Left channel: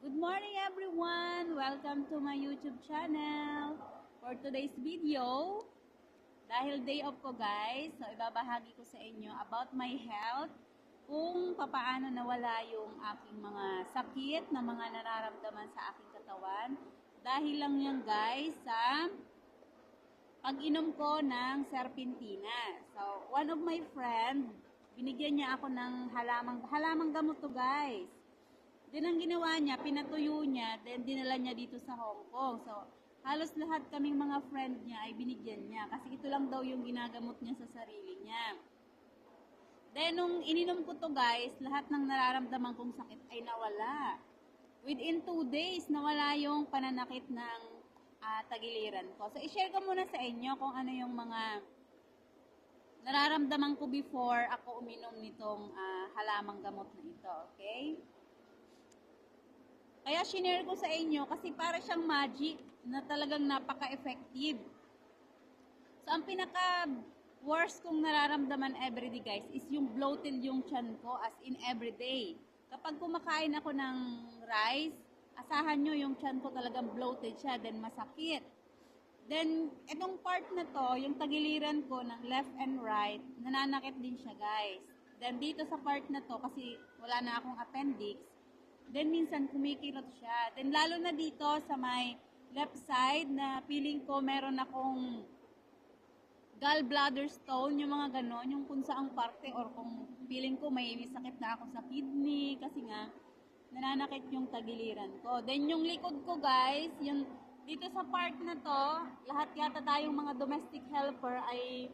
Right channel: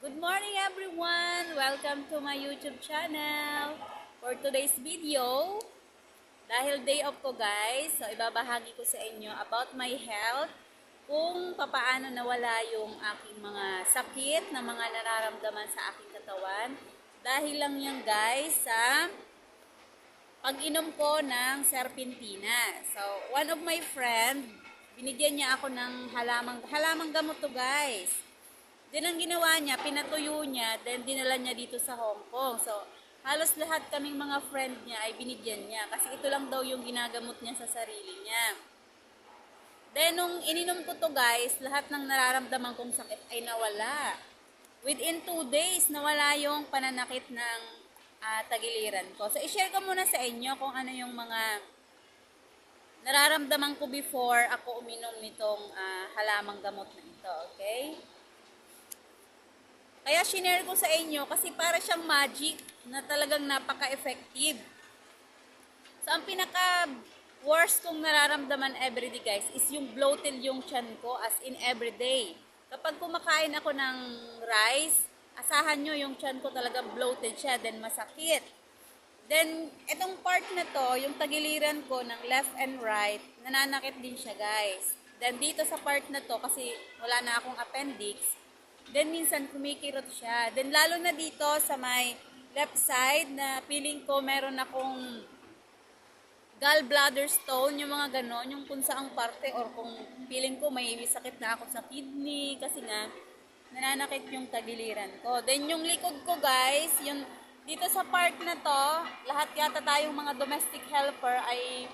Good morning everyone! Welcome to my YouTube channel. For today's video, dahil day off ko guys, so ibabahagi ko sa inyo about my health, kung papaano nawala yung aking mga sakit na mga nararamdaman sa aking katawan. Dahil lang yan guys sa pag-inom ko ng serpentina. So, one of my friend, binigyan niya ako ng halamang gamot to guys. Then ang ginawa niya, pinatuyo niya, then dinala niya dito sa Hong Kong. So, halos lahat kaming mga friend niya ay binigyan niya. Kasi ito lang daw yung ginagamot niya sa sarili niya. Then, nung ininom ko to guys, lahat ng nararamdaman kong sakit ay nawala. Within 2 days, nawala yung pananakit ng tagiliran ko. So, i-share ko muna sa inyo kung ano yung mga nararamdaman ko before ako uminom nitong halamang gamot na ito. Okay? Kaya shinare ko sa inyo kasi para siyang magic na talagang napaka-effective. So, ang pinaka-worst kong nararamdaman everyday guys is yung bloated yung tiyan ko as in everyday. Kapag kumakain ako ng rice, asahan nyo yung tiyan ko talagang bloated siya, then masakit. Then, itong part na to, yung tagiliran ko ng left and right, nananakit din siya guys. Then, dito sa part na to, kasi wala na akong appendix, then minsan kumikirot siya. Then lalo na dito sa may left side na feeling ko meron akong gallbladder stone, yung mga ganon, yung kung saang parte or kung feeling ko may sakit na ako sa kidney kasi nga nananakit yung tagiliran ko. Then yung likod ko guys, yung dito sa part na to, lahat yata tayong mga domestic helper ay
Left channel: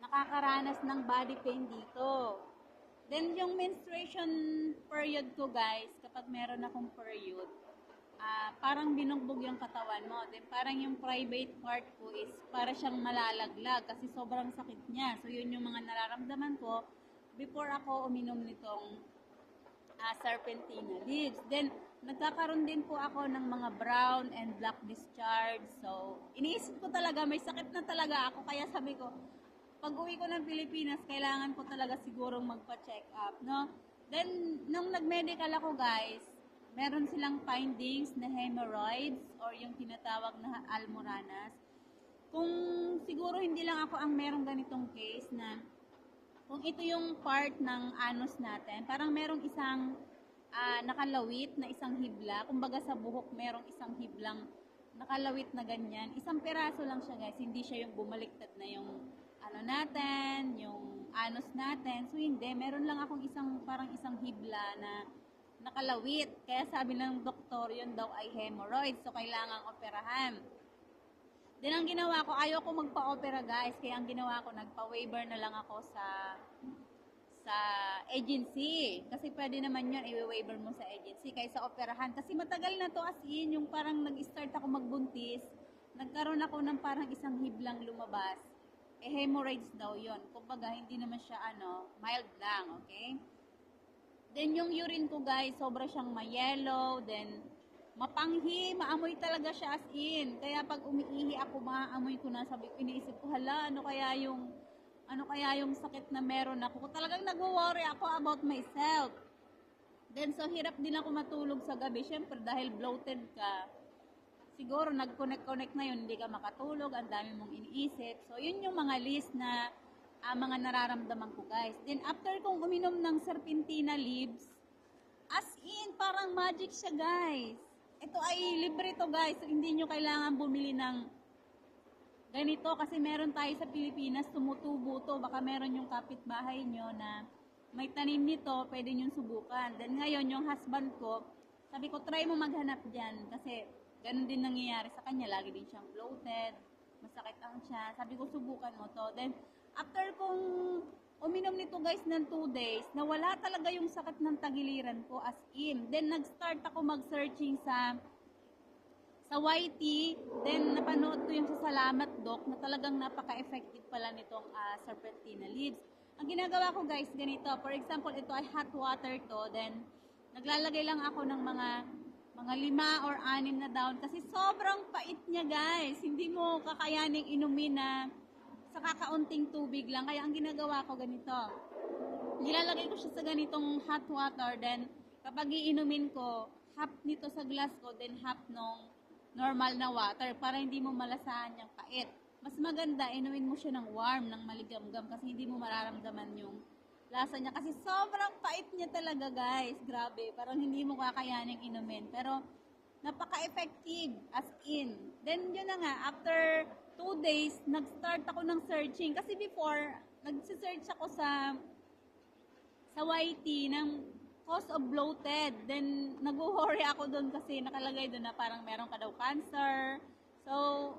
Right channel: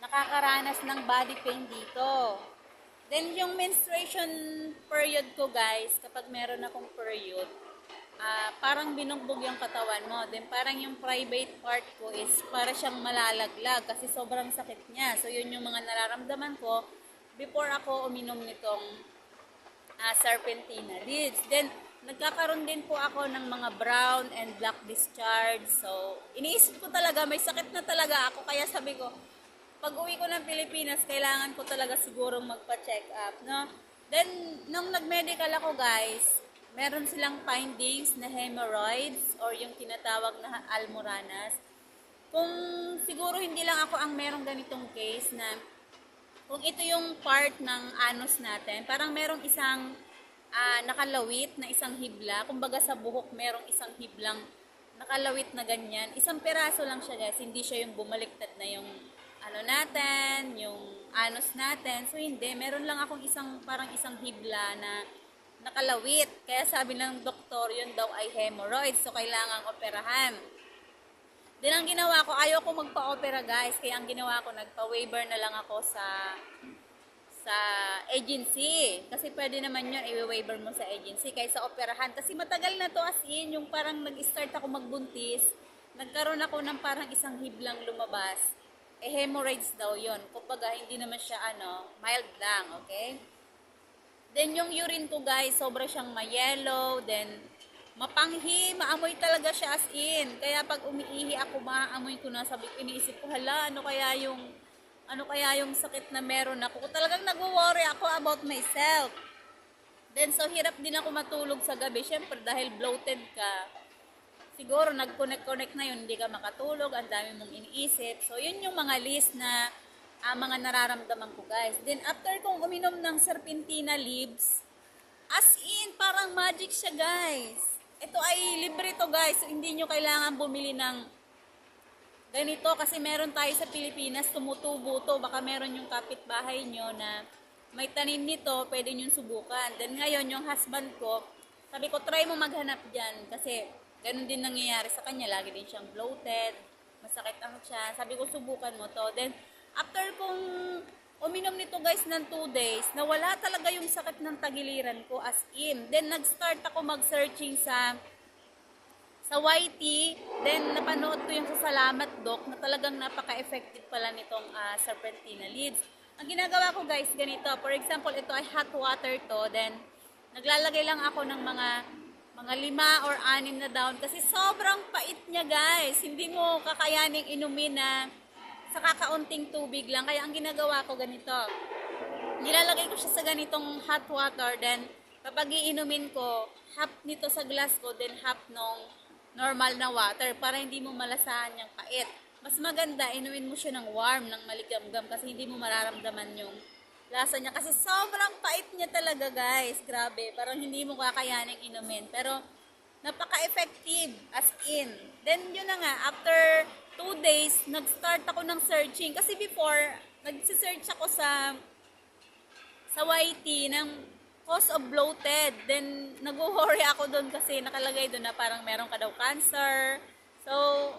nakakaranas ng body pain dito. Then, yung menstruation period ko, guys, kapag meron akong period, parang binugbog yung katawan mo. Then, parang yung private part ko is para siyang malalaglag kasi sobrang sakit niya. So, yun yung mga nararamdaman ko before ako uminom nitong serpentina leaves. Then, nagkakaroon din po ako ng mga brown and black discharge. So, iniisip ko talaga, may sakit na talaga ako. Kaya sabi ko, pag uwi ko ng Pilipinas, kailangan ko talaga sigurong magpa-check up, no? Then, nung nag-medical ako, guys, meron silang findings na hemorrhoids or yung tinatawag na almoranas. Kung siguro hindi lang ako ang merong ganitong case na kung ito yung part ng anus natin, parang merong isang nakalawit na isang hibla. Kumbaga sa buhok, merong isang hiblang nakalawit na ganyan. Isang peraso lang siya, guys. Hindi siya yung bumaliktad na yung natin, yung anus natin. So, hindi. Meron lang akong parang isang hibla na nakalawit. Kaya sabi ng doktor, yun daw ay hemorrhoids. So, kailangang operahan. Then, ang ginawa ko, ayaw ko magpa-opera, guys. Kaya ang ginawa ko, nagpa-waiver na lang ako sa agency. Kasi pwede naman yun, i-waiver mo sa agency kaysa operahan. Kasi matagal na to as in, yung parang nag-start ako magbuntis, nagkaroon ako ng parang isang hiblang lumabas. Hemorrhoids daw yon. Kumbaga, hindi naman siya mild lang, okay? Then, yung urine ko, guys, sobra siyang ma-yellow, then, mapanghi, maamoy talaga siya as in. Kaya pag umiihi ako, maaamoy ko na, iniisip ko, hala, ano kaya yung sakit na meron ako. Talagang nag-worry ako about myself. Then, so, hirap din ako matulog sa gabi. Siyempre, dahil bloated ka, siguro nag-connect na yun, hindi ka makatulog, ang dami mong iniisip. So, yun yung mga list na mga nararamdaman ko, guys. Then, after kong uminom ng serpentina leaves, as in, parang magic siya, guys. Ito ay libre to, guys. So, hindi nyo kailangan bumili ng ganito kasi meron tayo sa Pilipinas, tumutubo to. Baka meron yung kapitbahay nyo na may tanim nito, pwede nyo subukan. Then, ngayon, yung husband ko, sabi ko, try mo maghanap dyan kasi ganun din nangyayari sa kanya. Lagi din siyang bloated. Masakit ang tiyan. Sabi ko, subukan mo to. Then, after kong uminom nito guys ng 2 days, nawala talaga yung sakit ng tagiliran ko as in. Then, nag-start ako mag-searching sa YT. Then, napanood ko yung sa Salamat Doc na talagang napaka-effective pala nitong serpentina leaves. Ang ginagawa ko guys, ganito. For example, ito ay hot water to. Then, naglalagay lang ako ng mga 5 or 6 na down kasi sobrang pait niya guys. Hindi mo kakayaning inumin na sa kakaunting tubig lang. Kaya ang ginagawa ko ganito. Nilalagay ko siya sa ganitong hot water, then kapag iinumin ko, half nito sa glass ko, then half nung normal na water para hindi mo malasahan yung pait. Mas maganda, inumin mo siya ng warm, ng maligamgam kasi hindi mo mararamdaman yung lasa niya. Kasi sobrang pait niya talaga guys. Grabe, parang hindi mo kakayaning inumin. Pero napaka-effective as in. Then yun na nga, after 2 days, nag-start ako ng searching. Kasi before, nag-search ako sa YT ng cause of bloated. Then, nag-worry ako doon kasi nakalagay doon na parang meron ka daw cancer. So,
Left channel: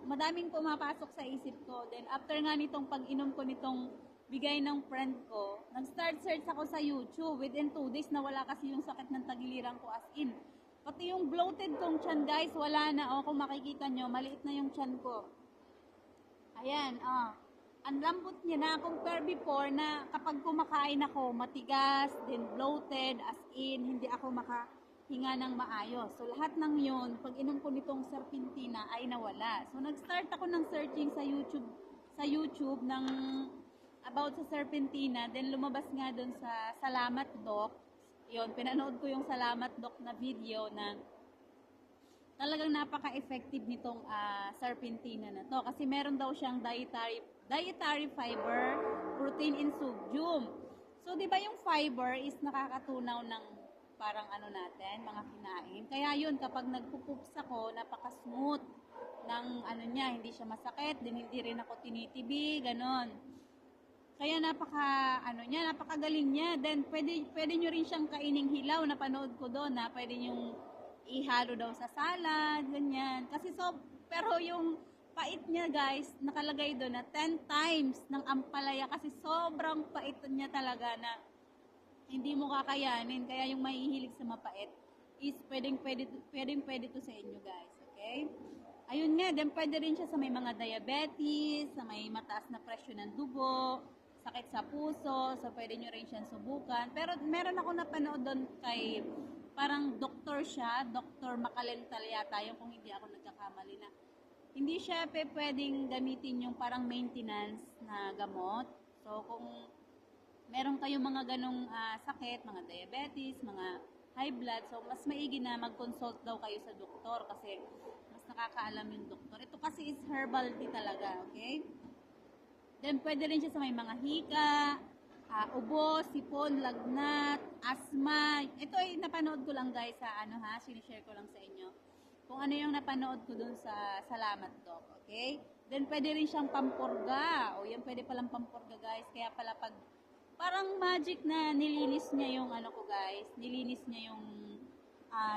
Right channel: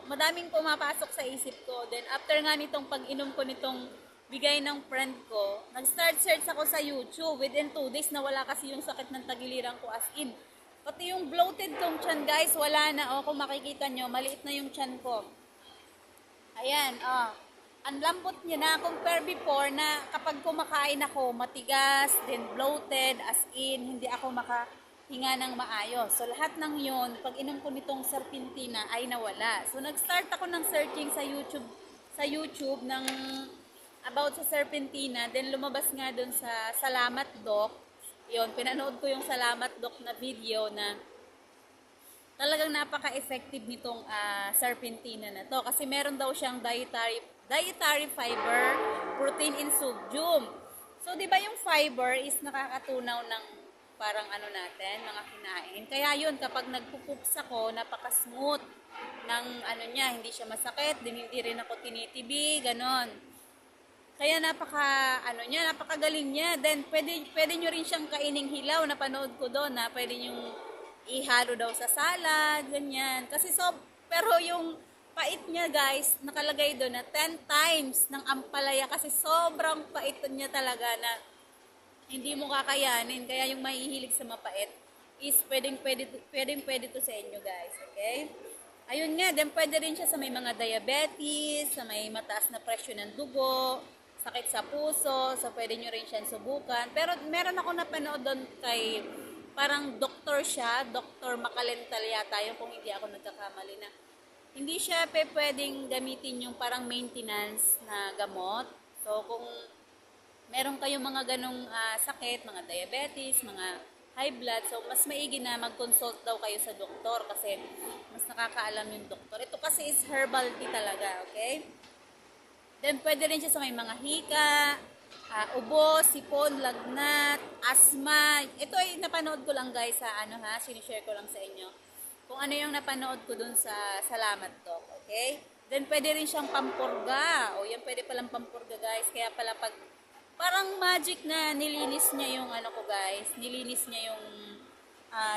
madaming pumapasok sa isip ko. Then, after nga nitong pag-inom ko nitong bigay ng friend ko, nag-start search ako sa YouTube. Within 2 days, nawala kasi yung sakit ng tagiliran ko as in. Pati yung bloated kong tiyan, guys, wala na. O, kung makikita nyo, maliit na yung tiyan ko. Ayan, ang lambot niya na compare before na kapag kumakain ako, matigas, then bloated, as in, hindi ako makahinga ng maayos. So, lahat ng yun, pag inom ko nitong serpentina ay nawala. So, nag-start ako ng searching sa YouTube ng about sa serpentina, then lumabas nga dun sa Salamat Doc. Yun, pinanood ko yung Salamat Doc na video na talagang napaka-effective nitong serpentina na to kasi meron daw siyang dietary fiber, protein and sodium. So, di ba yung fiber is nakakatunaw ng parang ano natin, mga kinain. Kaya yun, kapag nagpupups ako, napaka-smooth ng ano niya, hindi siya masakit, din hindi rin ako tinitibi, ganon. Kaya napakagaling niya. Then, pwede nyo rin siyang kaining hilaw, napanood ko doon na pwede nyo ihalo daw sa salad, ganyan. Kasi pero yung pait niya guys, nakalagay doon na 10 times ng ampalaya kasi sobrang pait niya talaga na hindi mo kakayanin. Kaya yung mahihilig sa mapait is pwedeng to sa inyo guys, okay? Ayun nga, then pwede rin siya sa may mga diabetes, sa may mataas na presyo ng dugo, sakit sa puso, so pwede nyo rin siyang subukan. Pero meron ako napanood doon kay, parang doktor siya, Dr. Makalental yata yun kung hindi ako nagkakamali na. Hindi siya pwedeng gamitin yung parang maintenance na gamot. So, kung meron kayong mga ganong sakit, mga diabetes, mga high blood, so mas maigi na mag-consult daw kayo sa doktor kasi mas nakakaalam yung doktor. Ito kasi is herbal tea talaga, okay? Then, pwede rin siya sa may mga hika, ubo, sipon, lagnat, asma. Ito ay napanood ko lang guys sa sinishare ko lang sa inyo. Kung ano yung napanood ko dun sa Salamat Doc, okay? Then, pwede rin siyang pampurga. O, yan pwede palang pampurga, guys. Kaya pala pag, parang magic na nilinis niya yung ko, guys. Nilinis niya yung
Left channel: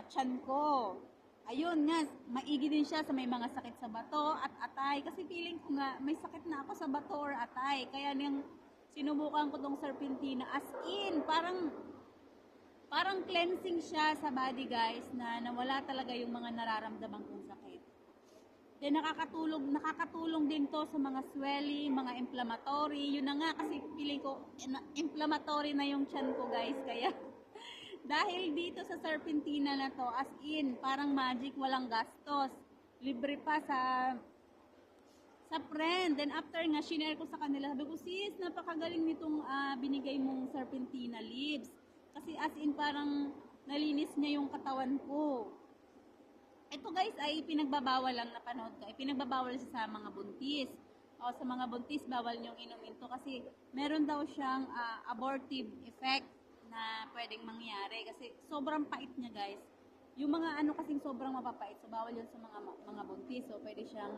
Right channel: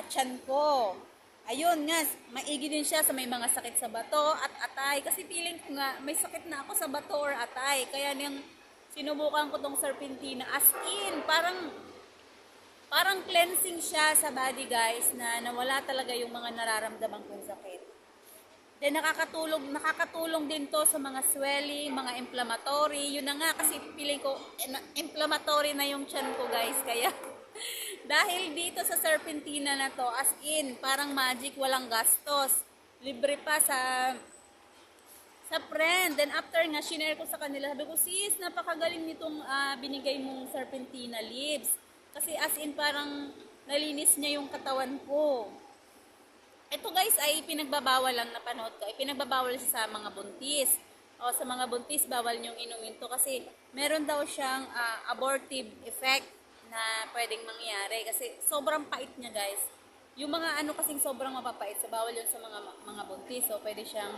tiyan ko. Ayun nga, maigi din siya sa may mga sakit sa bato at atay. Kasi feeling ko nga, may sakit na ako sa bato or atay. Kaya niyang sinubukan ko tong serpentina. As in, parang cleansing siya sa body guys na nawala talaga yung mga nararamdaman kong sakit. Then nakakatulong din to sa mga swelling, mga inflammatory. Yun na nga kasi feeling ko inflammatory na yung tiyan ko guys. Kaya dahil dito sa serpentina na to, as in, parang magic, walang gastos. Libre pa sa friend. Then after nga, shinare ko sa kanila. Sabi ko, sis, napakagaling nitong binigay mong serpentina leaves. Kasi as in parang nalinis niya yung katawan ko. Ito guys ay pinagbabawal lang napanood ko. Ay pinagbabawal siya sa mga buntis. O sa mga buntis, bawal niyong inumin to kasi meron daw siyang abortive effect na pwedeng mangyari. Kasi sobrang pait niya guys. Yung mga kasing sobrang mapapait, so bawal yun sa mga buntis. So pwede siyang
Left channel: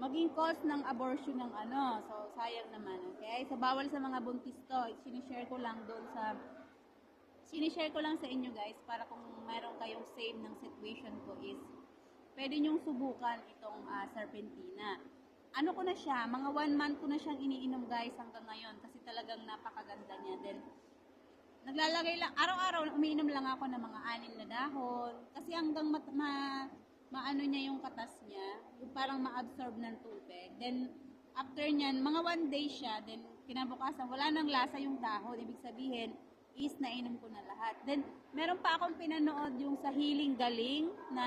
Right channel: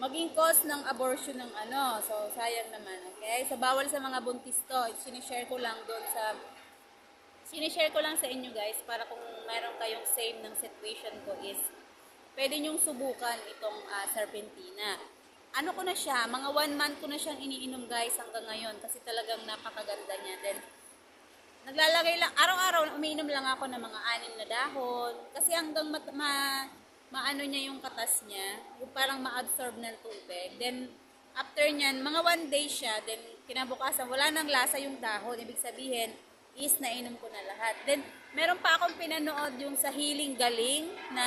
maging cause ng abortion ng so sayang naman, okay? So bawal sa mga buntis to. Sinishare ko lang sa inyo guys para kung meron kayong same ng situation ko is pwede nyong subukan itong serpentina. Ano ko na siya, mga 1 month ko na siyang iniinom guys hanggang ngayon kasi talagang napakaganda niya. Then naglalagay lang, araw-araw umiinom lang ako ng mga 6 na dahon kasi hanggang maano niya yung katas niya, parang ma-absorb ng tubig. Then, after nyan, mga 1 day siya, then kinabukasan, wala nang lasa yung dahon. Ibig sabihin, is nainom ko na lahat. Then, meron pa akong pinanood yung sa Healing Galing na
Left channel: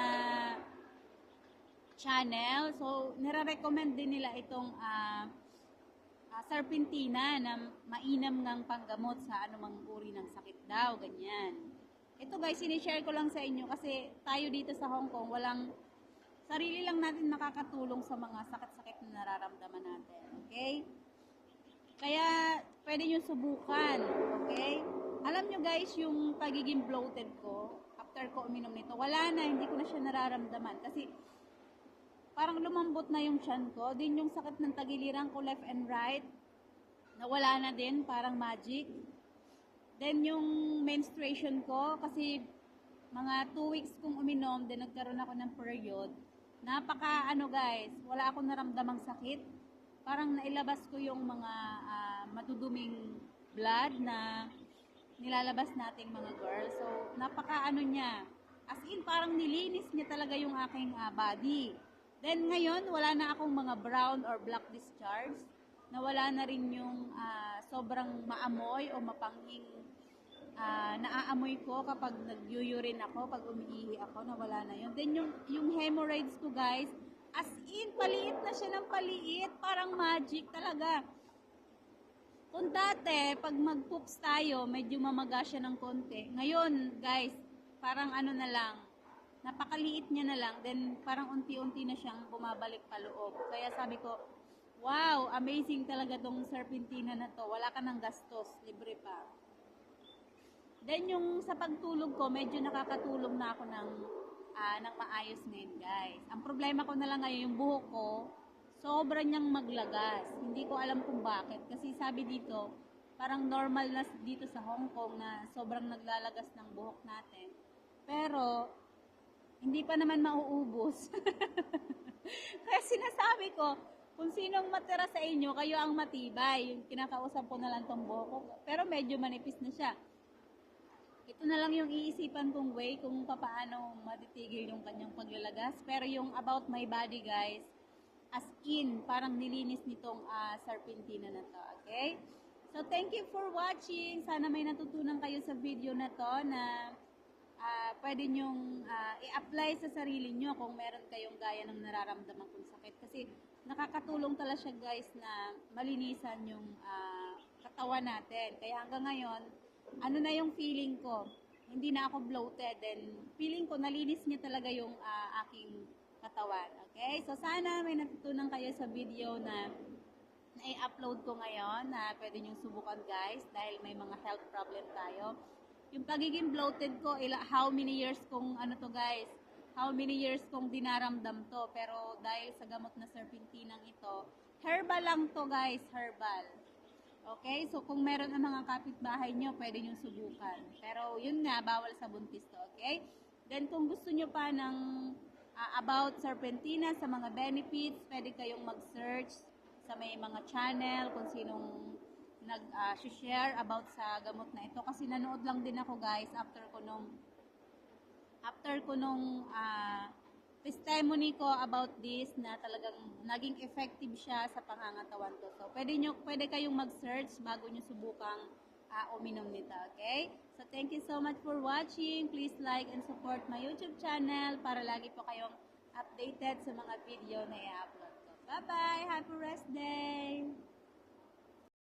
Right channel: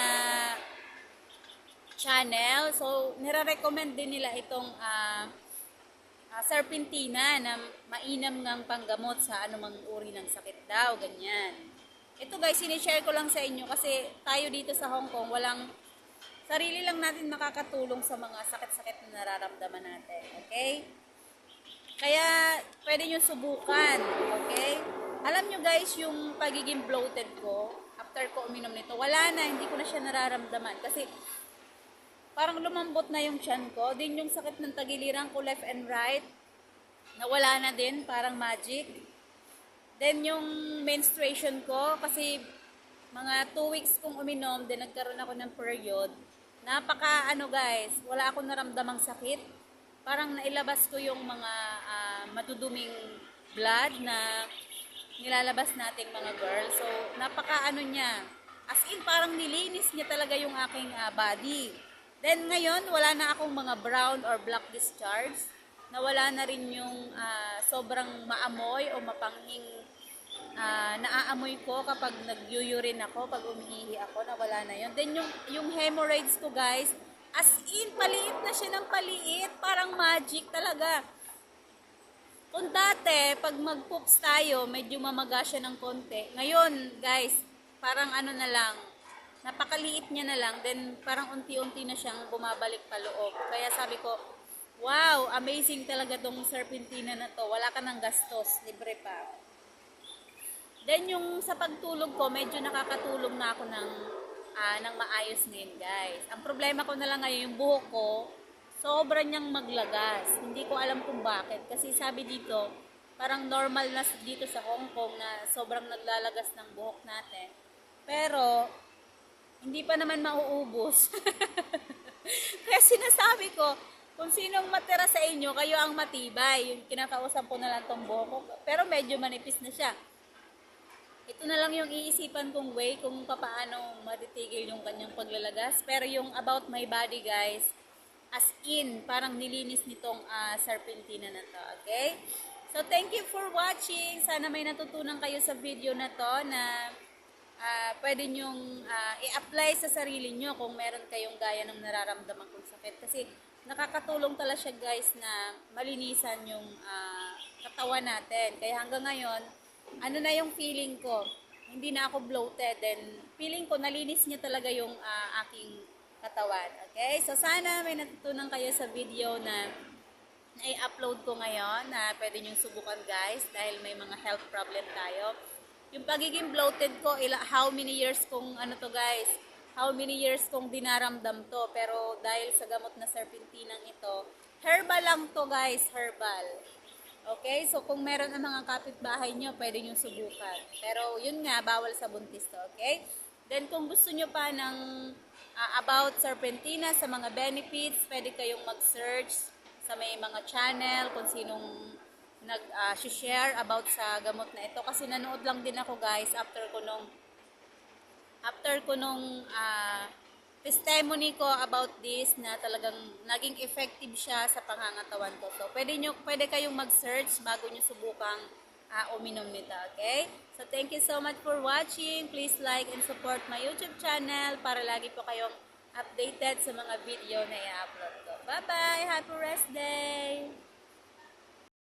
channel. So, nire-recommend din nila itong serpentina na mainam ngang panggamot sa anumang uri ng sakit daw, ganyan. Ito guys, sinishare ko lang sa inyo kasi tayo dito sa Hong Kong, sarili lang natin makakatulong sa mga sakit-sakit na nararamdaman natin, okay? Kaya, pwede nyo subukan, okay? Alam nyo guys, yung pagiging bloated ko, after ko uminom nito, wala na, hindi ko na siya nararamdaman. Kasi, parang lumambot na yung tiyan ko. Din yung sakit ng tagiliran ko, left and right, nawala na din, parang magic. Then, yung menstruation ko, kasi mga 2 weeks kong uminom, then nagkaroon ako ng period. Napaka, guys, wala akong naramdamang sakit. Parang nailabas ko yung mga maduduming blood na nilalabas nating mga girls. So, napaka niya. As in, parang nilinis niya talaga yung aking body. Then, ngayon, wala na akong mga brown or black discharge. Nawala na rin yung sobrang maamoy o mapanghing naaamoy ko kapag nag-urine ako, pag umiihi ako, nawala na yun. Then, yung hemorrhoids ko, guys, as in, paliit na siya ng paliit. Parang magic talaga. Kung dati, pag mag-poops tayo, medyo mamaga siya ng konti. Ngayon, guys, parang na lang, napakaliit niya na lang, then parang unti-unti na siyang bumabalik pa loob. Kaya sabi ko, wow, amazing talaga tong serpentina na to. Wala ka ng gastos, libre pa. Then yung sa pagtulog ko, medyo nakakatulong na ako ng maayos ngayon guys. Ang problema ko na lang ngayon, yung buhok ko, sobra niyang maglagas. Hindi ko alam kung bakit. Kasi sabi dito, parang normal na dito sa Hong Kong na sobrang naglalagas ng buhok natin. Pero, hindi pa naman mauubos. Kaya sinasabi ko, kung sinong matira sa inyo, kayo ang matibay. Yung kinakausap ko na lang tong buhok ko. Pero medyo manipis na siya. Ito na lang yung iisipan kong way kung paano matitigil yung kanyang paglalagas. Pero yung about my body guys, as in, parang nilinis nitong serpentina na to, okay? So, thank you for watching. Sana may natutunan kayo sa video na to na pwede nyong i-apply sa sarili nyo kung meron kayong gaya ng nararamdaman kong sakit. Kasi nakakatulong talaga siya guys na malinisan yung katawan natin. Kaya hanggang ngayon, na yung feeling ko, hindi na ako bloated, then feeling ko nalinis niya talaga yung aking katawan. Okay? So, sana may natutunan kayo sa video na i-upload ko ngayon na pwede nyo subukan guys dahil may mga health problem tayo. Yung pagiging bloated ko, how many years kong how many years kong dinaramdam to. Pero dahil sa gamot na serpentinang ito, herbal lang to guys, herbal. Okay, so kung meron ang mga kapitbahay nyo, pwede nyo subukan. Pero yun nga, bawal sa buntis to, okay? Then kung gusto nyo pa ng about serpentina sa mga benefits, pwede kayong mag-search sa may mga channel kung sinong nag-share about sa gamot na ito. Kasi nanood lang din ako guys after ko nung testimony ko about this na talagang naging effective siya sa pangangatawan ko. So, pwede kayong mag-search bago nyo subukang uminom nito, okay? So, thank you so much for watching. Please like and support my YouTube channel para lagi po kayong updated sa mga video na i-upload ko. Bye-bye! Happy rest day!